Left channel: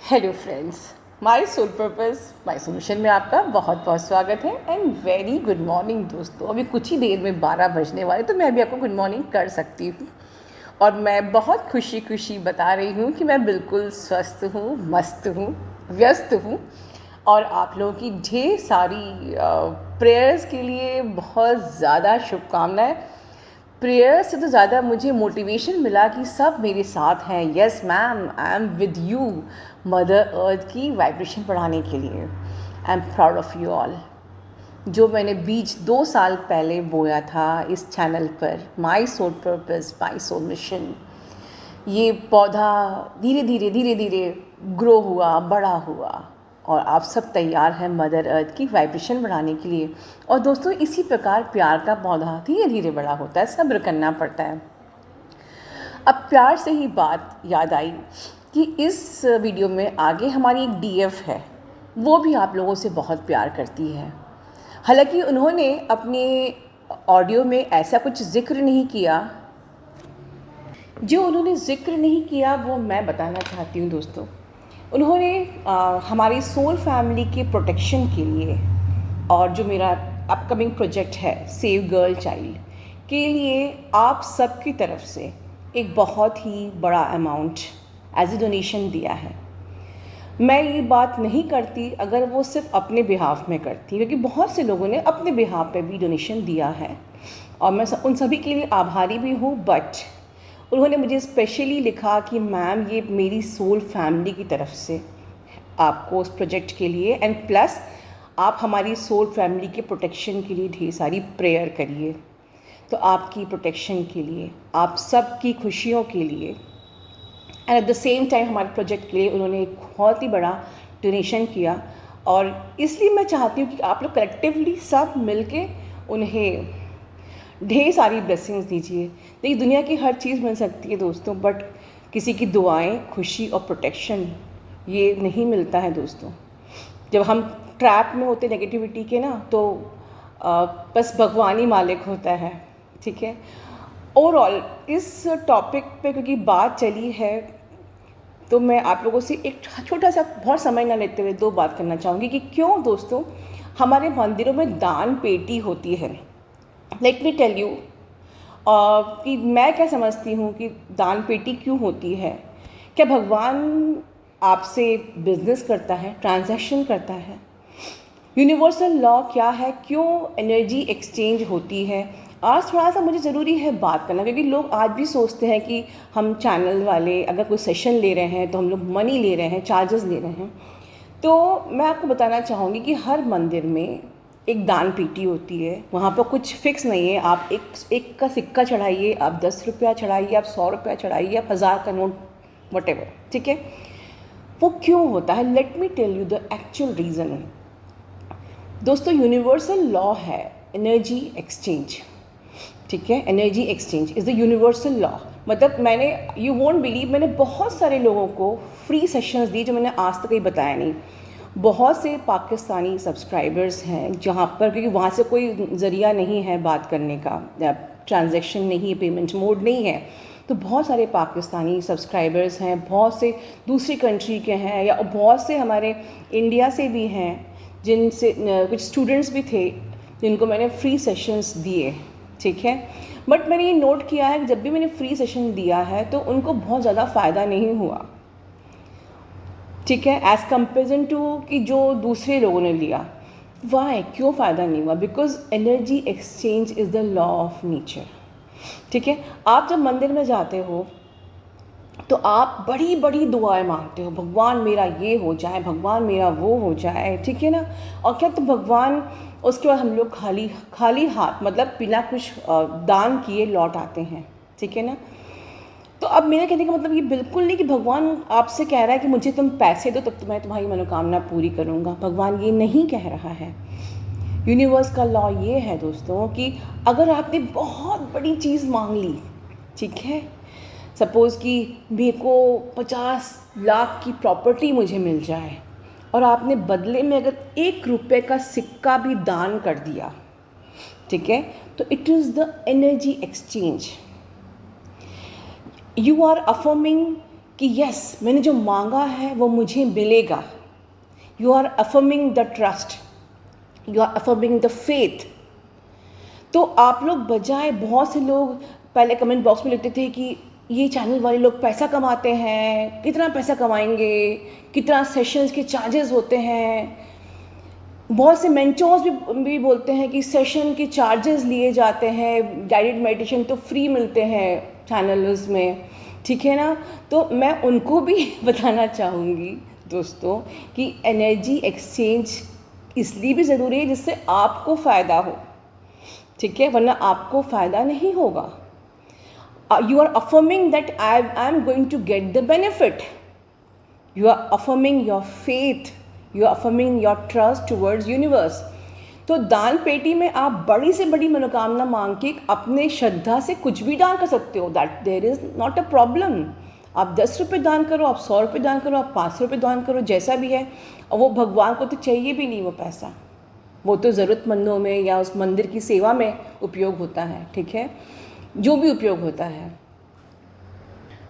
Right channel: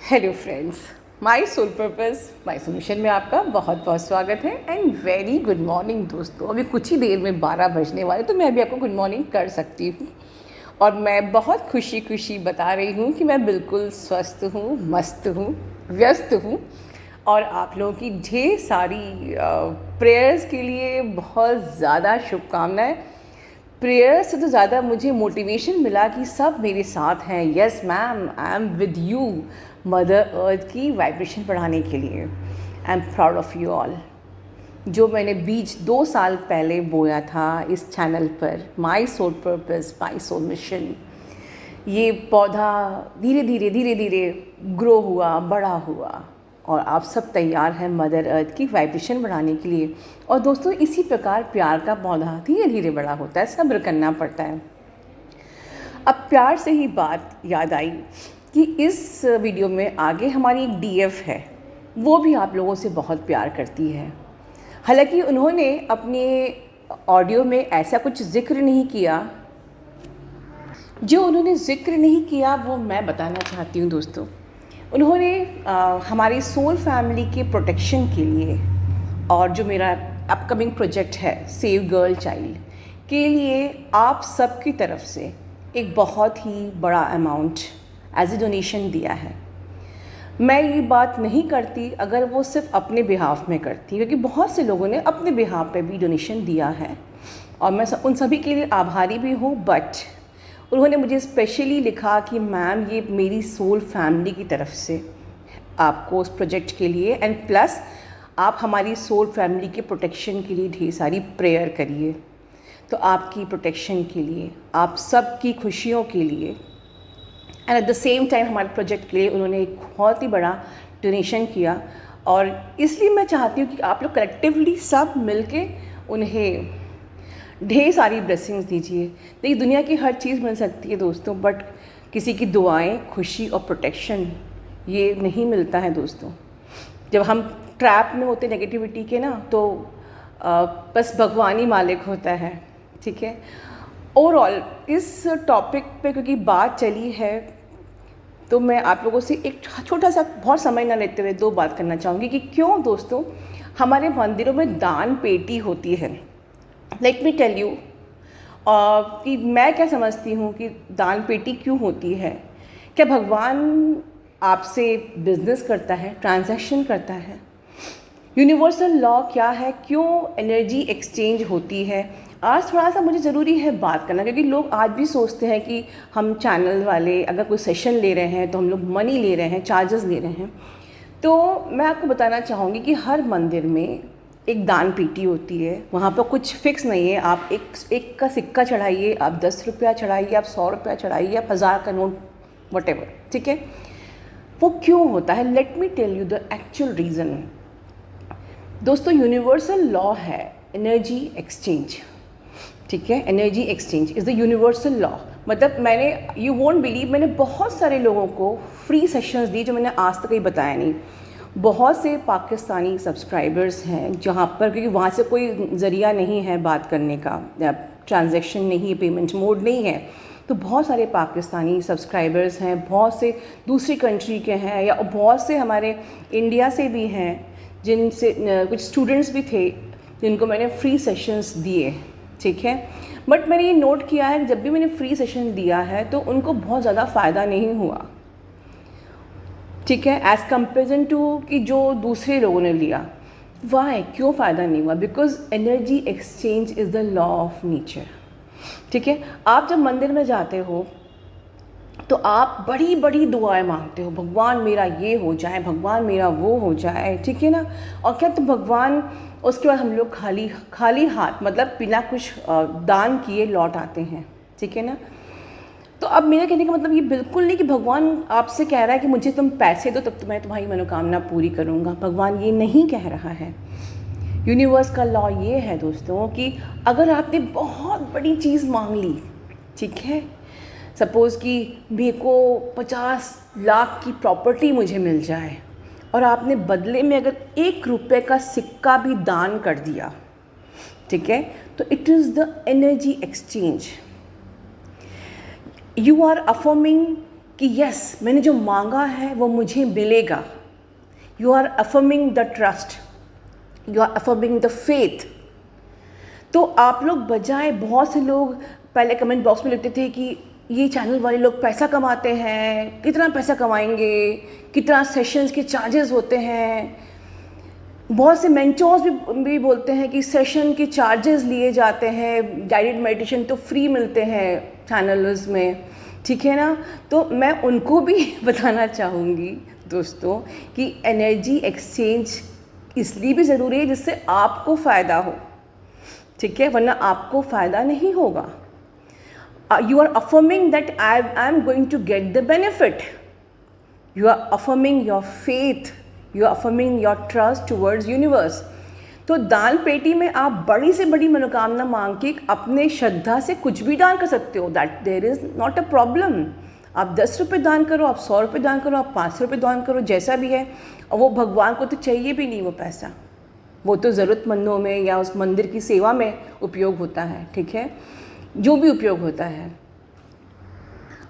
Hello friends, my soul purpose my solution में आपका बहुत बहुत स्वागत है एंड वेरी गुड मॉर्निंग दोस्तों। अभी कुछ ही देर में 12 बजने वाले, तो मैं भी आपको गुड मॉर्निंग कर सकती हूँ। और मैं बहुत खुशी खुशी बता रही हूँ कि मैं बिल्कुल स्वस्थ हूँ, मस्त हूँ, व्यस्त हूँ। और आप लोगों की ढेर सारी प्रेयर्स के लिए बहुत ज़्यादा शुभकामनाएं। प्रेयर से तो ज़्यादा मुझे मोटिवेशन मिला कि सब मेरे साथ हैं। Yes ma'am, I am with you. Mother earth की वाइब्रेशन बढ़ाने के लिए I am proud of you all. जो मैंने बीज 2 साल पहले बोया था इस चैनल पर, my soul purpose my soul mission, ये पौधा धीरे धीरे ग्रो हुआ, बड़ा हुआ। और आप सब तैयार हैं मदर अर्थ की वाइब्रेशन बढ़ाने के लिए। और दोस्तों, इसी प्रकार प्यार का पौधा धीरे धीरे बड़ा होता है, सब्र करना पड़ता है। अब प्यार से ही बात याद आई कि इस वीडियो में आगे हमारी एक डीएफ है, वो भी आप लोगों से बहुत प्यार करती है। हालांकि उन्होंने अपने ऑडियो में ऐसा कुछ जिक्र नहीं किया, जो उन्होंने ज़िक्र नहीं किया वो मैं बताना चाहती हूँ दोस्तों। उन्होंने हमारी सोल फैमिली के प्रोटेक्शन के लिए, और जो मेरा अपकमिंग प्रोजेक्ट है सेव गर्ल चाइल्ड के लिए, आप सबकी तरफ से एक बहुत ही बड़ा अमाउंट एज ए डोनेशन दिया है। मैं ये बात नहीं करती अगर वो सिर्फ अपने बिहाफ में करती, क्योंकि बहुत से लोगों ने अपने बिहाफ पे भी डोनेशन दिया है और मैं उन सभी के लिए आभारी भी हूँ। बट उन्होंने मुझे स्पेशली लिखा कि मैम, ये मेरी सोल फैमिली की तरफ से आपको उस प्रोजेक्ट के लिए, एंड प्लस आप हमारी सोल फैमिली के प्रोटेक्शन के लिए ढेर सारी प्रेयर करिए। तो आपकी प्रोटेक्शन के लिए, आप सब की खुशियों के लिए, and at the same time हमारे प्रोजेक्ट के लिए उन्होंने एक बहुत ही बड़ा डोनेशन किया। और इसलिए मैं चाहती हूँ कि आप लोग कलेक्टिवली सब मिलके उन्हें ढेर सारी ब्लेसिंग्स दीजिए। देखिए, दुनिया की हर चीज़ मिल सकती है दोस्तों, बट किसी की दुआएं, खुशी और प्रोटेक्शन ये नहीं मिलता है दोस्तों। जब हम ट्रैप में होते नेगेटिविटी के ना, तो बस भगवान ही मालिक होता है। ठीक है। ओवरऑल इस टॉपिक पे क्योंकि बात चली है, तो मैं आप लोगों से एक छोटा सा, बहुत समय ना लेते हुए, दो बात करना चाहूँगी कि क्यों दोस्तों हमारे मंदिरों में दान पेटी होती है। लेट मी टेल यू कि मैं क्या समझती हूँ कि दान पेटी क्यों होती है। क्या भगवान आपसे बिजनेस करता है, ट्रांजैक्शन करता है? यूनिवर्सल लॉ क्या है, क्यों एनर्जी एक्सचेंज होती है? आज थोड़ा सा मुझे ज़रूरी है बात करना, क्योंकि लोग आज भी सोचते हैं कि हम चैनल वाले अगर कोई सेशन ले रहे हैं तो हम लोग मनी ले रहे हैं, चार्जेस ले रहे हैं। तो मैं आपको बताना चाहूँगी कि हर मंदिर में एक दान पेटी होती है। वहाँ पर कुछ फिक्स नहीं है, आप एक का सिक्का चढ़ाइए, आप 10 रुपया चढ़ाइए, आप 100 रुपया चढ़ाइए, आप 1000 का नोट, वटेवर। ठीक है। वो क्यों होता है? Let me tell you the actual reason. दोस्तों, यूनिवर्सल लॉ है एनर्जी एक्सचेंज। ठीक है। Energy exchange is the universal law. मतलब मैंने, यू वोंट बिलीव, मैंने बहुत सारे लोगों को फ्री सेशंस दिए जो मैंने आज तक कहीं बताया नहीं। बहुत से पाकिस्तानी सब्सक्राइबर्स हैं जहाँ पर, क्योंकि वहाँ से कोई ज़रिया नहीं है बात करने का, ट्रांजैक्शन नहीं है, पेमेंट मोड नहीं है, तो बहुत सारे पाकिस्तानी सब्सक्राइबर्स हैं, बहुत से दूसरी कंट्री के हैं, या बहुत से हमारे इंडिया से भी हैं, जिनसे कुछ स्टूडेंट्स भी थे जिनको मैंने फ्री सेशंस दिए। ठीक है। बट मैंने ये नोट किया है कि जब भी मैंने फ्री सेशन दिया है तो उनको बहुत ज़्यादा फ़ायदा नहीं हुआ। ठीक है। एज़ कंपेरिजन टू कि जो दूसरे लोगों ने लिया। वाई, क्यों फ़ायदा नहीं हुआ? Because energy exchange is the law of nature. ठीक है। आप जब मंदिर में जाते हो तो आप बड़ी बड़ी दुआएं मांगते हो, भगवान मेरा ये हो जाए, भगवान मेरा वो हो जाए। ठीक है ना। और क्या, तो भगवान, उसके बाद हम लोग खाली खाली हाथ, मतलब बिना कुछ दान किए लौट आते हैं। ठीक है ना। तो अब मेरे कहने का मतलब ये बिल्कुल नहीं कि भगवान आपसे कह रहा है कि मुझे तुम पैसे दो तब तो मैं तुम्हारी मनोकामना पूरी करूँगा। भगवान ये नहीं कह रहा है। यूनिवर्स का लॉ ये है दोस्तों कि अगर आपने बहुत बड़ी चीज़ मांग ली, ठीक है, सपोज़ कि मेरे को 50 लाख की प्रॉपर्टी मुझे मिल जाए, और आपने बदले में अगर 1 रुपये का सिक्का भी दान कर दिया, ठीक है, तो it is the energy exchange. You are affirming कि यस, मैंने जो मांगा है वो मुझे मिलेगा। You are affirming the trust, you are affirming the faith. तो आप लोग बजाय, बहुत से लोग पहले कमेंट बॉक्स में लिखते थे कि ये चैनल वाले लोग पैसा कमाते हैं, कितना पैसा कमाएंगे, कितना सेशंस के चार्जेस होते हैं। बहुत से मेंटोर्स भी बोलते हैं कि सेशन के चार्जेस लिए जाते हैं, गाइडेड मेडिटेशन तो फ्री मिलते हैं चैनल्स में, ठीक है ना। तो मैं उनको भी बताना चाहूँगी दोस्तों कि एनर्जी एक्सचेंज इसलिए भी ज़रूरी है जिससे आपको फ़ायदा हो, ठीक है, वरना आपको फ़ायदा नहीं होगा। You are affirming that I am going to get the benefit, you are affirming your faith, you are affirming your trust towards universe. तो दान पेटी में आप बड़ी से बड़ी मनोकामना मांग के अपने श्रद्धा से कुछ भी दान कर सकते हो, that there is not a problem. आप 10 रुपये दान करो, आप 100 रुपये दान करो, आप 500 रुपये दान करो, जैसा भी है। और वो भगवान को तो चाहिए भी नहीं वो पैसा, वो तो ज़रूरतमंदों में या उस मंदिर की सेवा में उपयोग होता है, ठीक है, जो भी उपयोग होता है।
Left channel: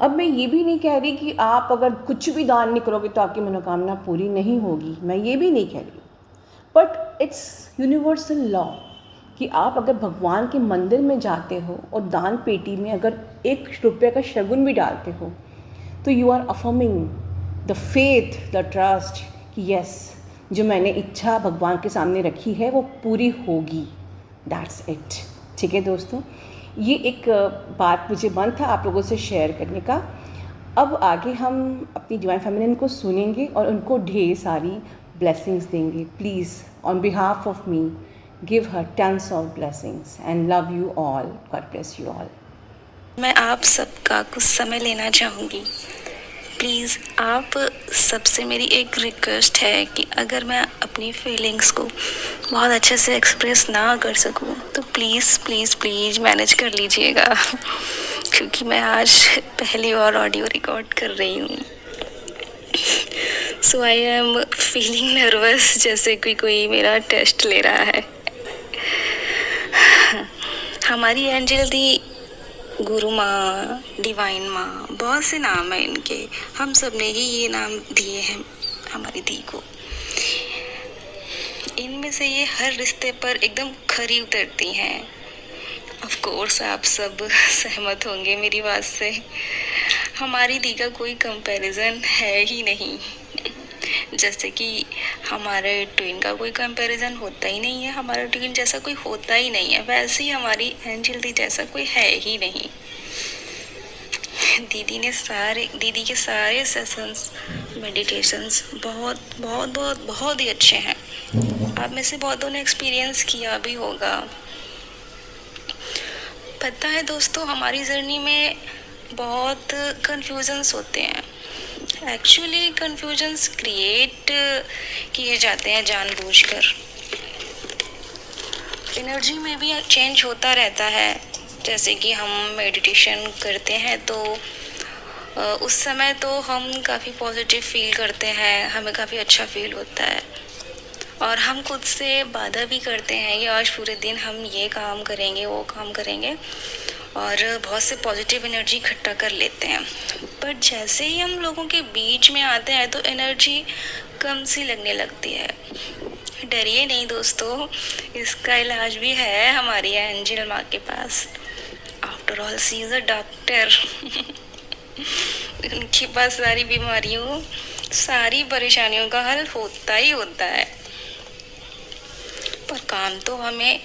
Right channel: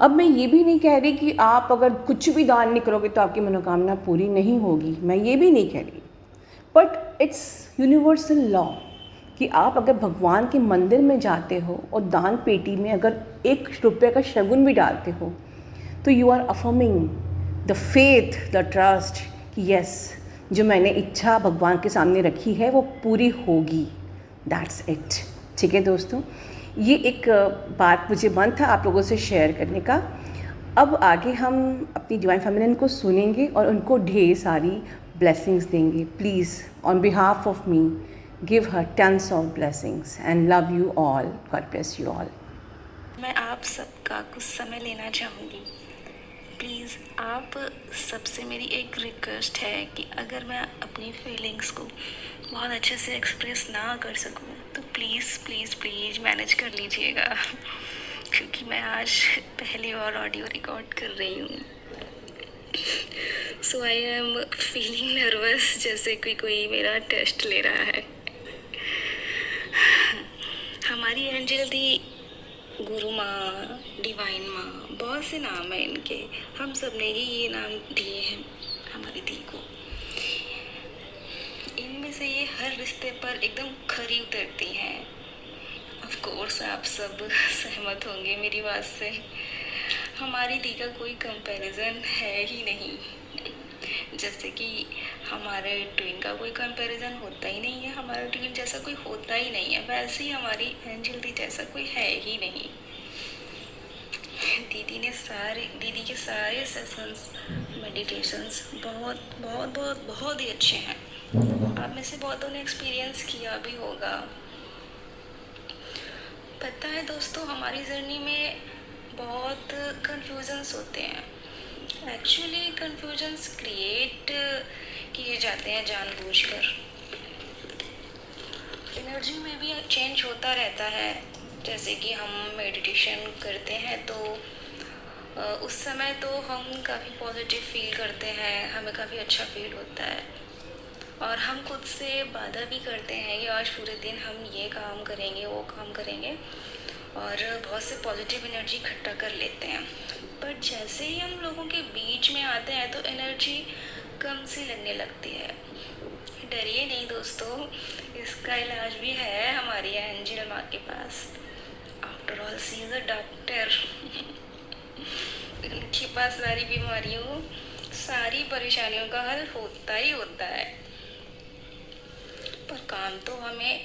अब मैं ये भी नहीं कह रही कि आप अगर कुछ भी दान नहीं करोगे तो आपकी मनोकामना पूरी नहीं होगी, मैं ये भी नहीं कह रही। बट इट्स यूनिवर्सल लॉ कि आप अगर भगवान के मंदिर में जाते हो और दान पेटी में अगर 1 रुपये का शगुन भी डालते हो तो you are affirming the faith, the trust कि यस, जो मैंने इच्छा भगवान के सामने रखी है वो पूरी होगी। दैट्स इट, ठीक है दोस्तों। ये एक बात मुझे मन था आप लोगों से शेयर करने का। अब आगे हम अपनी डिवाइन फेमिनिन को सुनेंगे और उनको ढेर सारी ब्लेसिंग्स देंगे। Please on behalf of me give her tons of blessings and love you all, God bless you all. मैं आप सबका कुछ समय लेना चाहूँगी। प्लीज़ आप सबसे मेरी एक रिक्वेस्ट है कि अगर मैं अपनी फीलिंग्स को बहुत अच्छे से एक्सप्रेस ना कर सकूं तो प्लीज़ प्लीज़ प्लीज़ मैनेज कर लीजिएगा क्योंकि मैं आज पहली बार ऑडियो रिकॉर्ड कर रही हूँ। सो आई एम फीलिंग नर्वस, जैसे कोई मेरा टेस्ट ले रहा है। हमारी एंजल दी, गुरु माँ, डिवाइन माँ, बहुत से नाम हैं इनके, हम सब ने ही ये नाम दिए हैं हमारी दी को। इनमें से ये हर रिश्ते पर एकदम खरी उतरती हैं। ऑफ कोर्स आप सब सहमत होंगे मेरी बात से। हमारी दी का कोई कंपैरिजन है ही नहीं। जैसे कि हमारे ट्विन का कोई कंपैरिजन होता ही नहीं है, हमारा ट्विन जैसा कोई होता ही नहीं है, वैसे ही हमारी एंजल दी जैसा कोई है ही नहीं। दीदी के सारे सेशंस, मेडिटेशंस बहुत बहुत बहुत बहुत ही अच्छे हैं। आप में से बहुतों ने एक्सपीरियंस किया भी होगा। पता है दोस्तों, हमारी जर्नी में बहुत कन्फ्यूजन्स होते हैं। एक्चुअली कन्फ्यूजन्स क्रिएट किए जाते हैं जानबूझकर। एनर्जी में भी चेंज होता रहता है। जैसे कि हम मेडिटेशन करते हैं तो उस समय तो हम काफ़ी पॉजिटिव फील करते हैं, हमें काफ़ी अच्छा फील होता है और हम खुद से वादा भी करते हैं कि आज पूरे दिन हम ये काम करेंगे, वो काम करेंगे और बहुत से पॉजिटिव एनर्जी इकट्ठा कर लेते हैं। बट जैसे ही हम लोगों के बीच में आते हैं तो एनर्जी कम सी लगने लगती है। डरिए नहीं दोस्तों, इसका इलाज भी है हमारी एंजल माँ के पास। After all she is a doctor. उनके पास सारी बीमारियों, सारी परेशानियों का हल होता ही होता है। पर काम तो हमें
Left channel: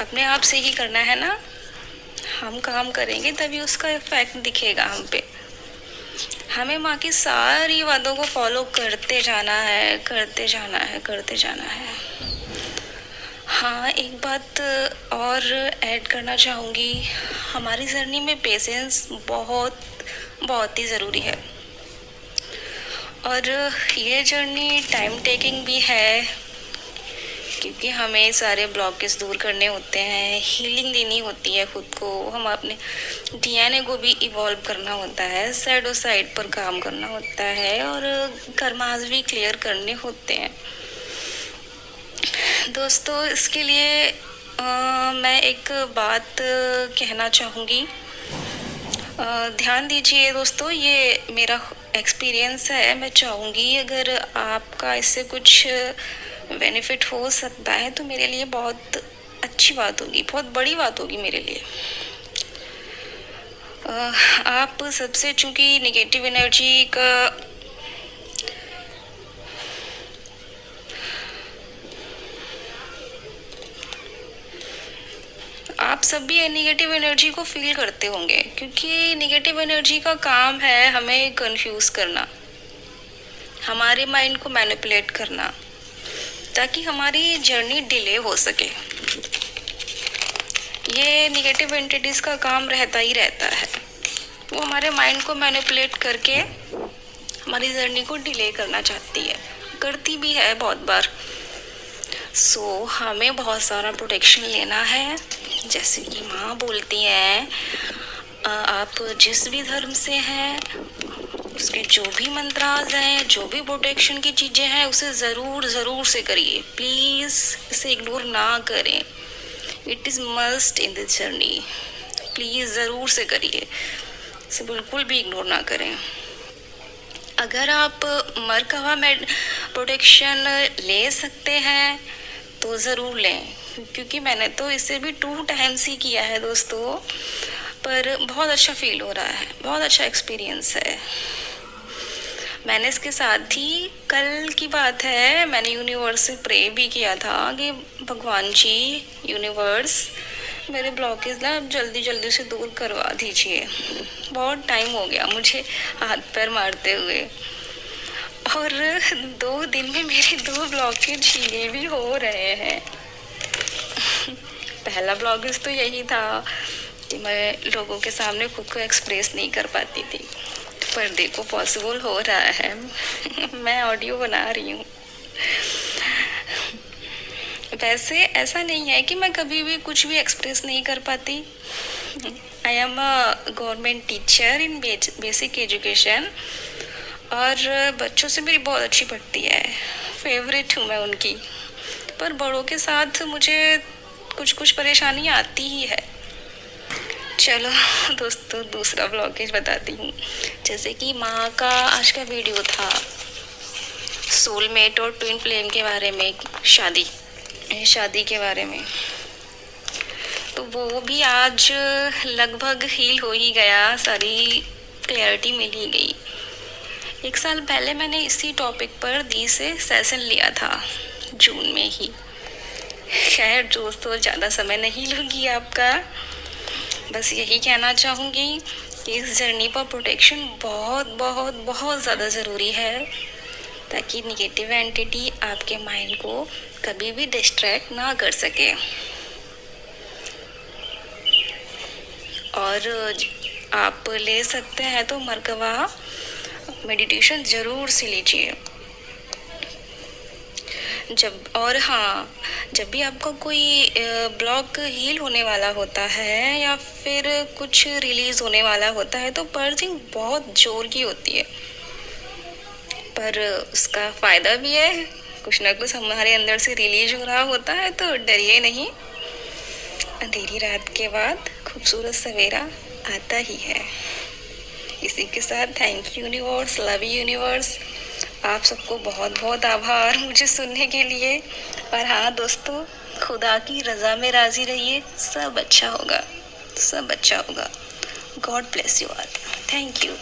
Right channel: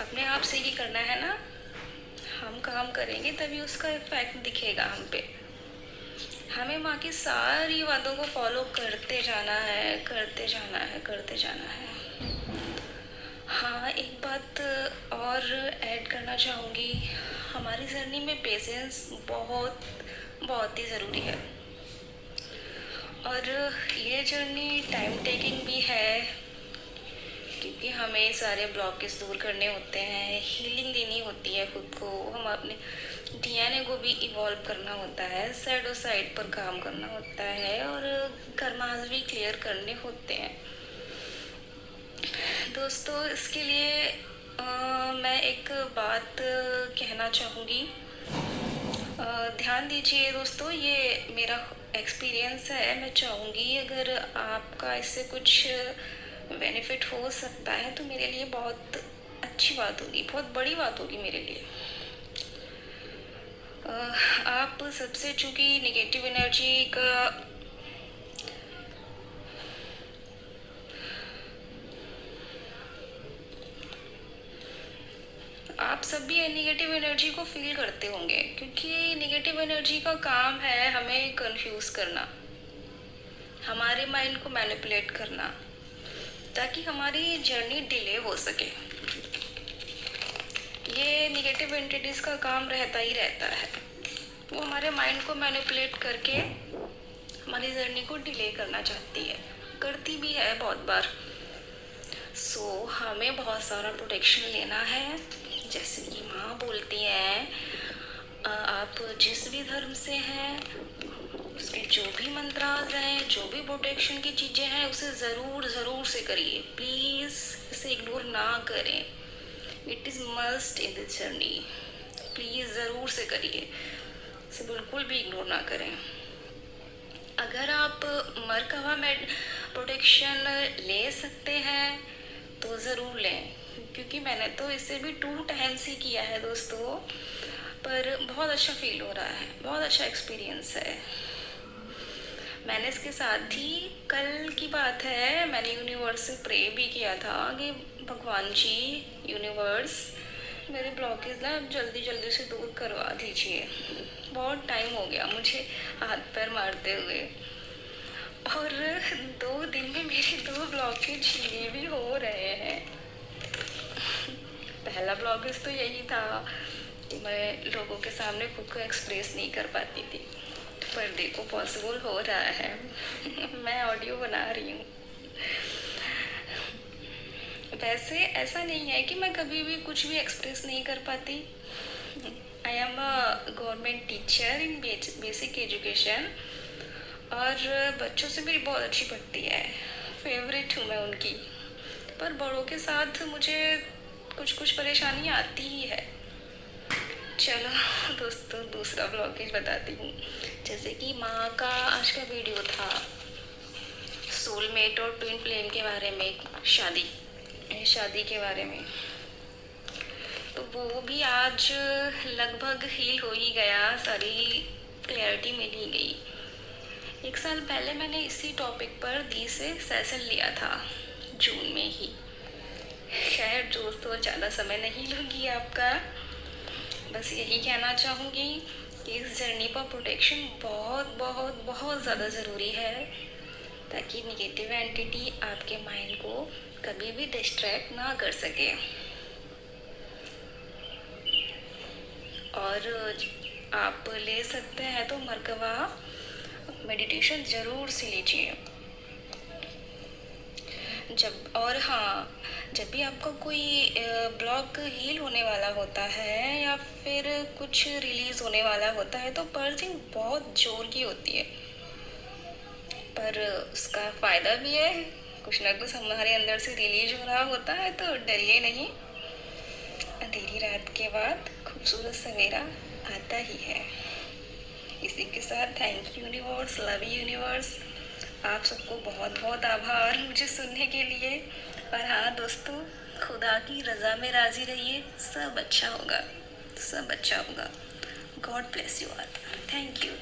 अपने आप से ही करना है ना। हम काम करेंगे तभी उसका इफेक्ट दिखेगा हम पे। हमें माँ की सारी बातों को फॉलो करते जाना है, करते जाना है, करते जाना है। हाँ, एक बात और ऐड करना चाहूँगी, हमारी जर्नी में पेशेंस बहुत बहुत ही ज़रूरी है और ये जर्नी टाइम टेकिंग भी है क्योंकि हमें सारे ब्लॉकेज दूर करने होते हैं, हीलिंग देनी होती है खुद को, हम अपने डीएनए को भी इवॉल्व करना होता है, साइड और साइड पर काम करना होता है और कर्मास भी क्लियर करने होते हैं। दोस्तों, इसके लिए मैं एक बात कहना चाहूँगी। ध्यान दीजिए दोस्तों, ये मेरा एक्सपीरियंस है। मैं चाहूँगी अगर आपका इससे कुछ बेनिफिट हो सकता है तो मेरे लिए बहुत अच्छी बात होगी, बहुत बड़ी बात होगी मेरे लिए। आप सबसे, चूँकि निगेटिव एनर्जी का आप सब भी निगेटिव एनर्जी को फील करते होंगे, क्योंकि निगेटिव एनर्जी का काम है हमें कंफ्यूज करना, हमारे माइंड को मैनिपुलेट करना, ताकि हमारी जर्नी डिले हो सके। ये निगेटिव एंटिटीज़ का काम रहता ही रहता है। वो हमारे माइंड को मैनिपुलेट करके हमारी जर्नी को डिले करना चाहती है, करती भी है बहुत बार। सो हमें बहुत सारा प्रोटेक्शन लेना है। जैसे कि माँ बोलती हैं, आप जिस भी धर्म से हैं उसके जो भी मंत्राज हैं, जो भी प्रोटेक्शन की चीज़ें हैं, उसे ज़रूर से करिए। प्लीज़ इसे इग्नोर ना करें। It is must in this journey. Please ज़रूर से करिए, इसे बिल्कुल भी इग्नोर ना करें। अगर आप मरकवा में प्रोटेक्शन ले सकते हैं तो ज़रूर लें, क्योंकि मैंने तो इसे भी 2 टाइम्स ही किया है दोस्तों, पर बहुत अच्छा फील हो रहा है, बहुत अच्छा एक्सपीरियंस है। मैंने इसके साथ ही, कल की बात है, मैंने यूनिवर्स से प्रे भी किया था कि भगवान जी, यूनिवर्स, मेरे ब्लॉकेज ना जल्दी से दूर करवा दीजिए। बहुत टाइम हो गया मुझे हाथ पैर मारते हुए, और 2 दिन में मेरे 2 ब्लॉकेज ये भी हो रहे हैं। पहला ब्लॉकेज तो यही था कि मैं लोगों के सामने खुद को एक्सप्रेस नहीं कर पाती थी, पर देखो पॉसिबल हो रहा है। मैं ऑडियो बना रही हूँ। वैसे ऐसा नहीं है कि मैं कभी भी कुछ भी एक्सप्रेस नहीं कर पाती। I am a government teacher in basic education, और बच्चों से मेरी बहुत अच्छी बनती है, फेवरेट हूँ मैं उनकी। पर बड़ों के साथ मुझे कुछ परेशानी आती ही है। चलो दोस्तों, दूसरा ब्लॉकेज बताती हूँ। जैसे कि माँ का आज का वीडियो था सोलमेट और ट्विन फ्लेम के बारे में, शादी के बारे में, तो वो भी आज लगभग हील हो ही गया, सारी क्लैरिटी मिल ही गई। 1 साल पहले मैंने इसी टॉपिक पर दी से सेशन लिया था, जून में ही। खैर दोस्तों, ज़्यादा समय नहीं लूँगी आपका, बस यही कहना चाहूँगी कि इस जर्नी पर प्रोटेक्शन बहुत ज़्यादा ज़रूरी है, ताकि निगेटिव एंटिटी आपके माइंड को कभी भी डिस्ट्रैक्ट ना कर सके। और आप ले सकते हैं तो मरकवा मेडिटेशन ज़रूर से लीजिए। जब भी आपका कोई ब्लॉक हील होने वाला होता है या फिर कुछ रिलीज़ होने वाला होता है, तो पर्जिंग बहुत जोर की होती है, पर उसका फ़ायदा भी है। कुछ ना कुछ हमारे अंदर से रिलीज हो रहा होता है, तो डरिए नहीं। अंधेरी रात के बाद खूबसूरत सवेरा आता ही है। इसी के साथ thank you universe, love you universe. आप सबको बहुत आभार मुझे सुनने के लिए। और हाँ दोस्तों, खुदा की रज़ा में राज़ी रहिए, सब अच्छा होगा, सब अच्छा होगा। God bless you all. Thank you.